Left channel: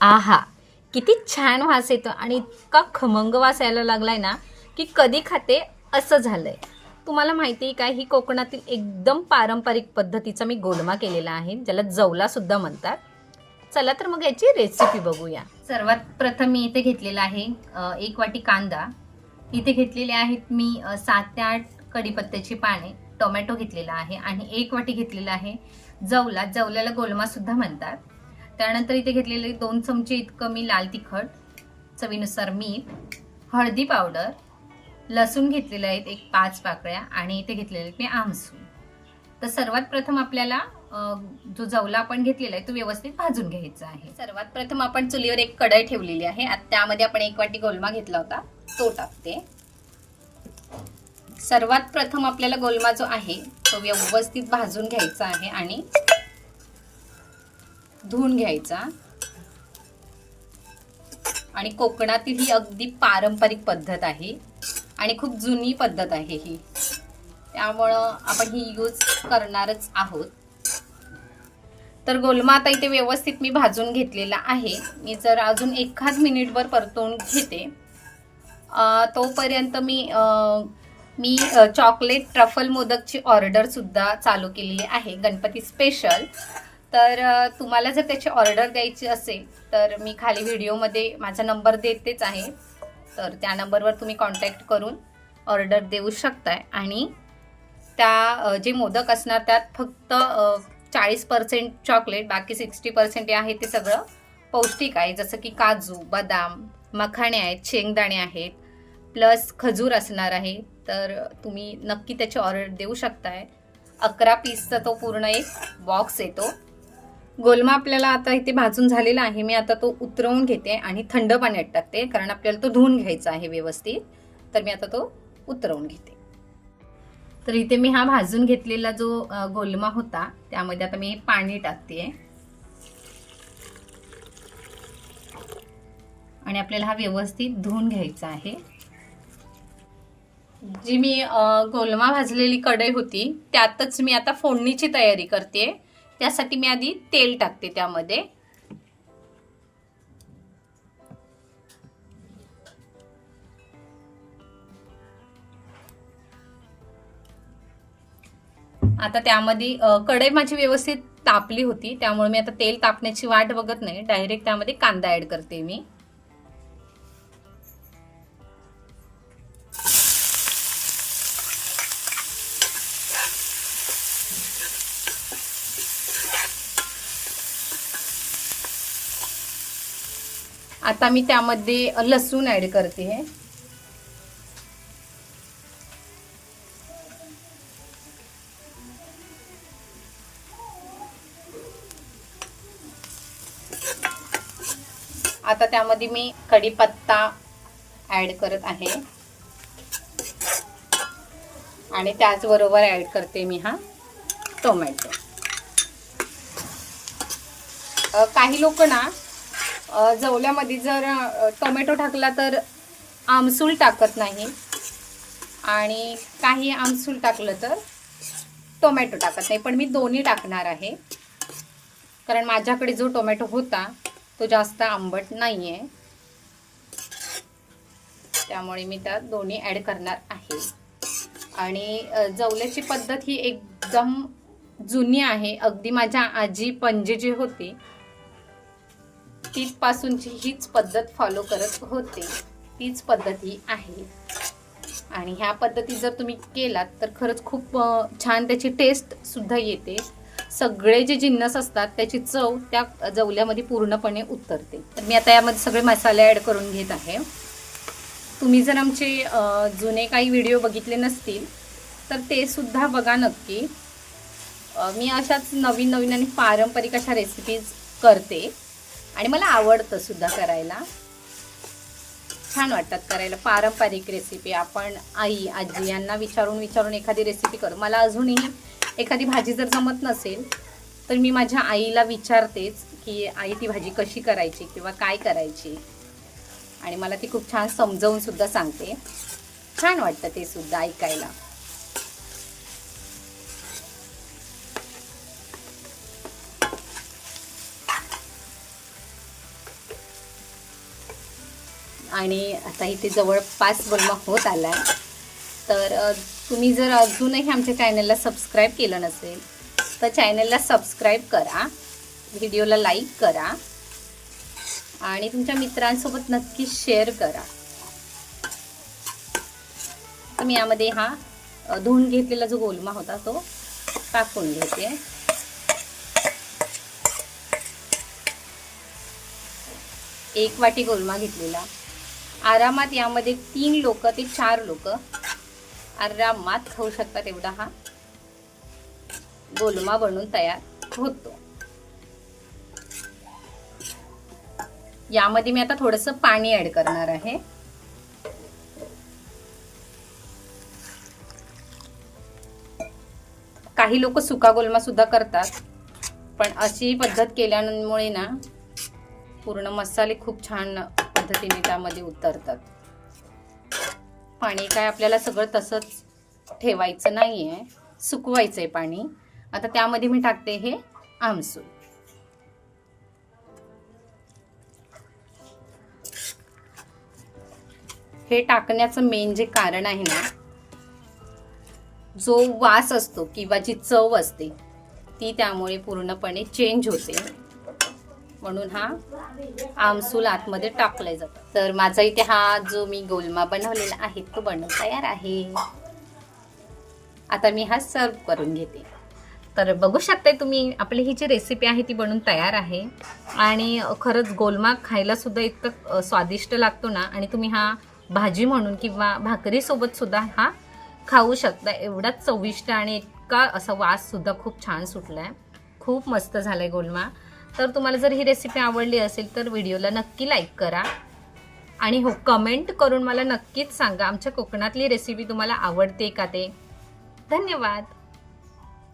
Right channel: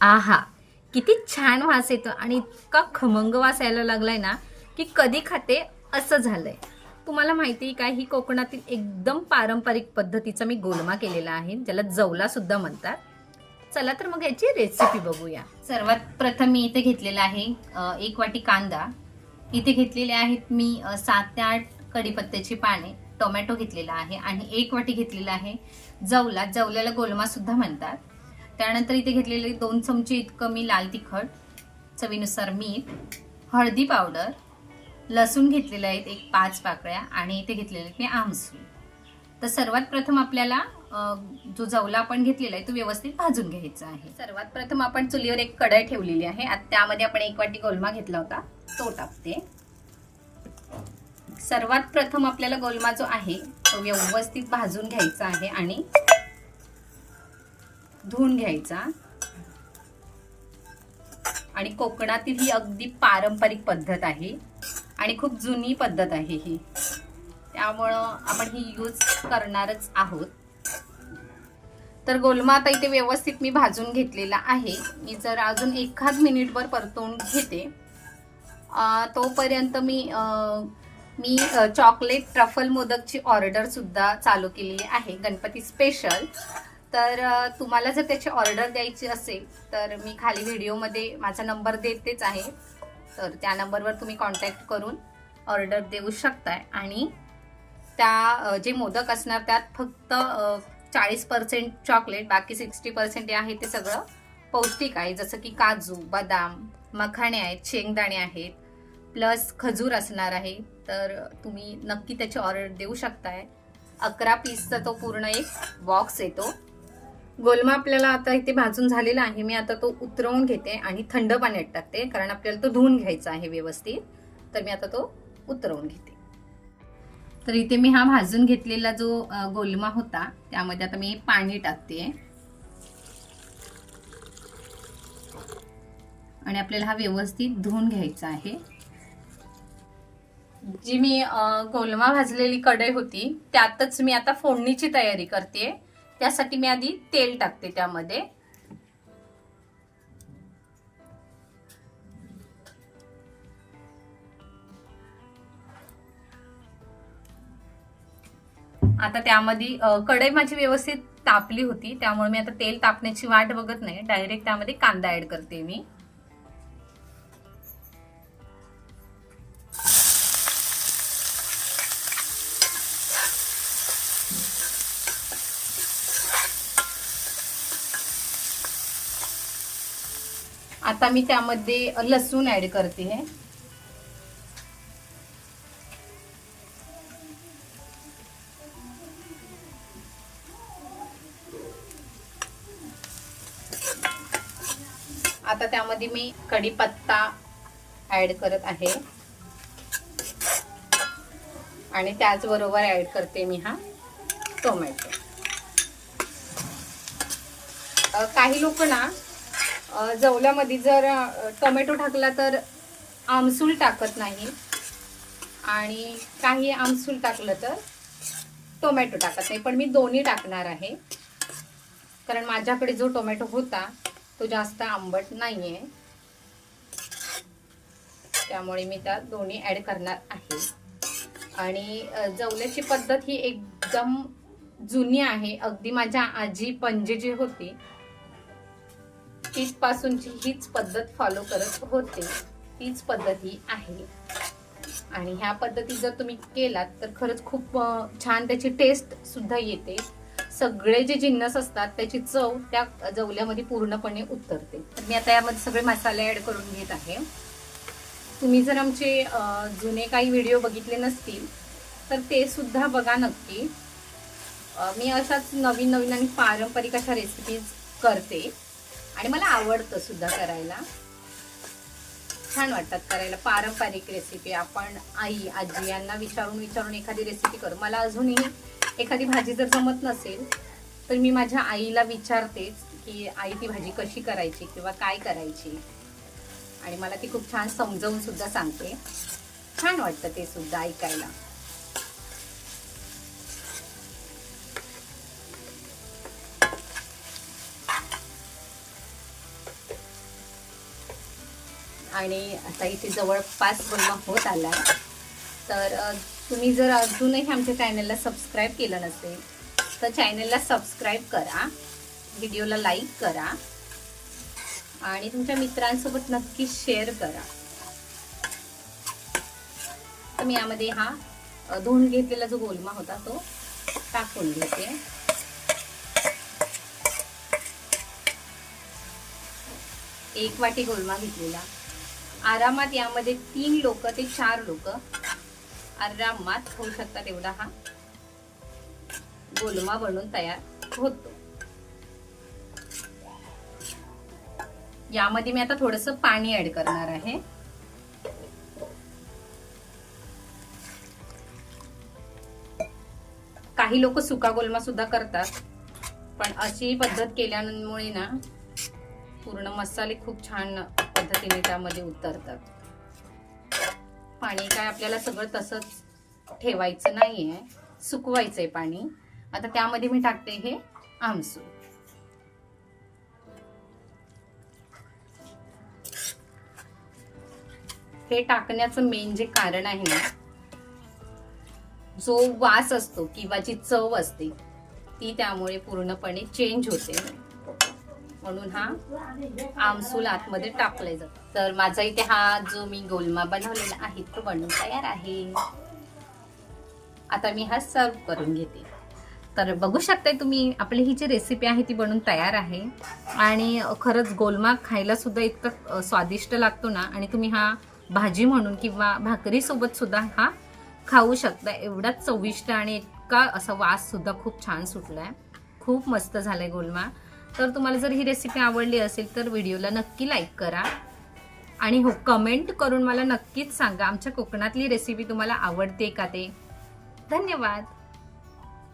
आहा किती छान वास येतो आणि इतका खमंग वास यायला लागलाय ना की कधी खाते असं झालंय. तुम्हाला माहिती आहे का ही कोकणातील एकदम पारंपरिक पद्धतीचा मी गोलमा केलेला आहे ज्याला जवला सुद्धा म्हणतात. चला तर मग याची रेसिपी बघूया. सर्वात प्रथम मी इथे घेतलेला आहे एक वाटी कांदा. इथे घेतलेले आहेत मी सात ते आठ कढीपत्त्याची पाने टोमॅटो घेतलेला आहे आणि एक वाटी घेतलेला आहे जवला. जवल्याला गोलमा सुद्धा म्हणतात. त्यानंतर इथे घेतलेले दोन चमचे इतकं मी लाल तिखट चवीनुसार मीठ हळदी पावडर लसूण घेतलेले आहेत एक पाच पाकळ्या आणि इथे घेतलेले आहेत मी आमसूल. तर सर्वात प्रथम आपल्याला जो जवला आपण घेतलेला आहे तो व्यवस्थित भाजून घ्यायचा आहे. सर्वात प्रथम आपण चुलीवर एक कढई ठेवलेली आहे. त्यामध्ये आपण एक वाटी गोलमा घेतला होता. तो टाकते. सर्वात प्रथम आपल्याला गोलमा जो आहे तो व्यवस्थित भाजून घ्यायचा आहे आणि धुवून घ्यायचा. आणि कोकणातील ही अगदी पारंपरिक पद्धत आहे आणि खूप जुनी पद्धत आहे ही. त्यामुळं आपण ही यूज करणारच आहोत. तर गोलमा आता इथे व्यवस्थित मी भाजून घेतलेला आहे. मी जर अजून एखाद मिनिटभर परतवून घेते तोपर्यंत मी आ, मी चॉकलेट ट्रफल मोदकची ऑर्डरसुद्धा चालू केलेली आहे गणपती स्पेशल तर तुम्हाला जर त्याची ऑर्डर द्यायची असेल तर मी खाली व्हिडिओमध्ये माझा नंबर देतेच आहे. तर त्या नंबरवर तुम्ही कॉन्टॅक्ट करून ऑर्डर देऊ शकताय. आणि त्या जे मोदक असणार त्यात फक्त चाळीस पर्सेंट चॉकलेट बाकी सिक्स्टी पर्सेंट आहे ते सगळं पौष्टिक आहे. जसं की काजू बदाम मखाणे आहेत शेंगदाणे आहेत प्लस खजूर असणार आहे तर तुम्ही नक्की त्याची ऑर्डर देऊ शकताय. अकरा पीसचा तो पूर्ण एक बॉक्स येतो. गोलमा आपल्याला आता इथे भाजून झालेला आहे मी आता तो उतरवून घेते आणि थंड पाण्यात टाकते कारण आपल्याला तो धुवून घ्यायचा आहे व्यवस्थित. तर मी आता तो उतरवून घेते. तर इथे मी हा भाजून घेतलेला जो गोलमा होता त्यामध्ये आता मी पाणी टाकते आणि आपल्याला हा व्यवस्थित धुवून घ्यायचा आहे. जी मी गोलमा भाजलेली कढई होती त्यातच मी आता फोडणीची तयारी करते. त्यासाठी मी आधी तेल टाकते त्यामध्ये. आता त्यामध्ये कढई माझी व्यवस्थित तापली होती त्यामुळे मी आता तेल तापण्याची वाट बघत नाही. डायरेक्ट त्यामध्ये कांदा ऍड करते मी. आता मी त्यामध्ये लसूण ऍड करते आता त्यामध्ये मी कढीपत्ता ऍड करत आहे. आणि त्याचबरोबर ऍड करते मी हा टोमॅटो. काही लोक ना जवल्यामध्ये जर टोमॅटो टाकला तर आमसूल टाकत नाही. आणि काही आमसूल टाकलं तर टोमॅटो टाकत नाही. पण मी दोन्ही टाकणार आहे. कारण माझ्याकडे जो टोमॅटो होता तो जास्त आंबट नाही आहे त्यामुळे मी त्यात दोन्ही ॲड करणार आहे. आणि जवल्याची पद्धत ही एकदम जुनी आहे. अगदी माझ्या आजी पणजी जी होती तिथपासूनची हीच पद्धत फॉलो करत होते. तीच पद्धत ही आहे. आणि ह्या पद्धती जर तुम्ही केलात तर खरंच खूप छान त्याची टेस्ट सुद्धा येते. सगळे जे जिन्नस असतात त्याची चव त्या जवल्यामध्ये पूर्णपणे उतरते. तर मी आता यामध्ये सगळे मसाले ॲड करून घेत आहे. तुम्ही जर आमचे जुने काही व्हिडिओ बघितले नसतील तर ते सुद्धा बघा नक्की. मी अशाच नवीन नवीन आणि पारंपरिक अशा रेसिपीज करते. आणि मला आवडतं सुद्धा करायला. छान वाटतात करायला. पारंपरिक रेसिपी आपण आई आजी यांना विचारून विचारून एखादी रेसिपी करू. मला अजूनही एखादी भाजी जर जमत नसेल तर मी माझ्या आईला विचारतेच की आई ती भाजी कशी करायची किंवा काय करायची? आणि मला ती खूप छान समजवून सुद्धा सांगते. छान वाटतं ते सुद्धा ऐकायला. आणि आता इथे जवळपास बोलणं होत आला आहे तर तुम्ही जर अजूनही आमच्या चॅनलला सबस्क्राईब केलं नसेल तर चॅनलला सबस्क्राईब करा. व्हिडिओला लाईक करा. आणि तुमच्या मित्रांसोबत नक्की शेअर करा. तर मी यामध्ये हा धुवून घेतलेला जो गोलमा होता तो टाकून घेते. एक वाटी गोलमा घेतलेला. आरामात यामध्ये तीन लोक ते चार लोक आरामात खाऊ शकतात एवढा हा गोलमा बनून तयार होतो. यामध्ये मी आता थोडस पाणी ऍड करणार आहे. काही लोक सुका गोलमा सुद्धा करतात पण अशी पद्धत केल्यामुळे ना पूर्ण मसाले खूप छान पद्धतीने त्यामध्ये उतरतात. पाणी काय आपल्याला सगळं तसंच ठेवायचं नाहीये. सुकवायचंय पाणी. आता त्यामध्ये मी टाकते हे आमसूल. हे टाकण्याचं मेन जे कारण आहे ना जो वास असतो किंवा जी चव असते ती त्यामुळे पूर्णपणे चेंज होते. म्हणून हा आमसूल आतमध्ये टाकला जातो तर माझा इथे हा जो मी गोलमा बनवलेला आहे तो बनवून तयार आहे. आता मी हा सर्व करून घेते. तर बघू शकताय तुम्ही आपली ही जी रेसिपी आहे ती बनून तयार आहे. आणि खरंच गोलमा खायला सुद्धा इतकं स्वादिष्ट लागतो ना. आणि तुम्ही हा भाजी म्हणून किंवा भाकरीसोबत सुद्धा हा खाऊ शकता. एवढा चविष्ट आणि इतका असा वास सुद्धा खूप छान सुटला आहे खूप मस्त झालाय गोलमा. तर तुम्हाला जर ही रेसिपी आवडली असेल तर व्हिडिओला नक्की लाईक करा. आणि हो कमेंट करून मला नक्कीच सांगा आमच्या कोकणातली रेसिपी तुम्हाला आवडते का ते. धन्यवाद.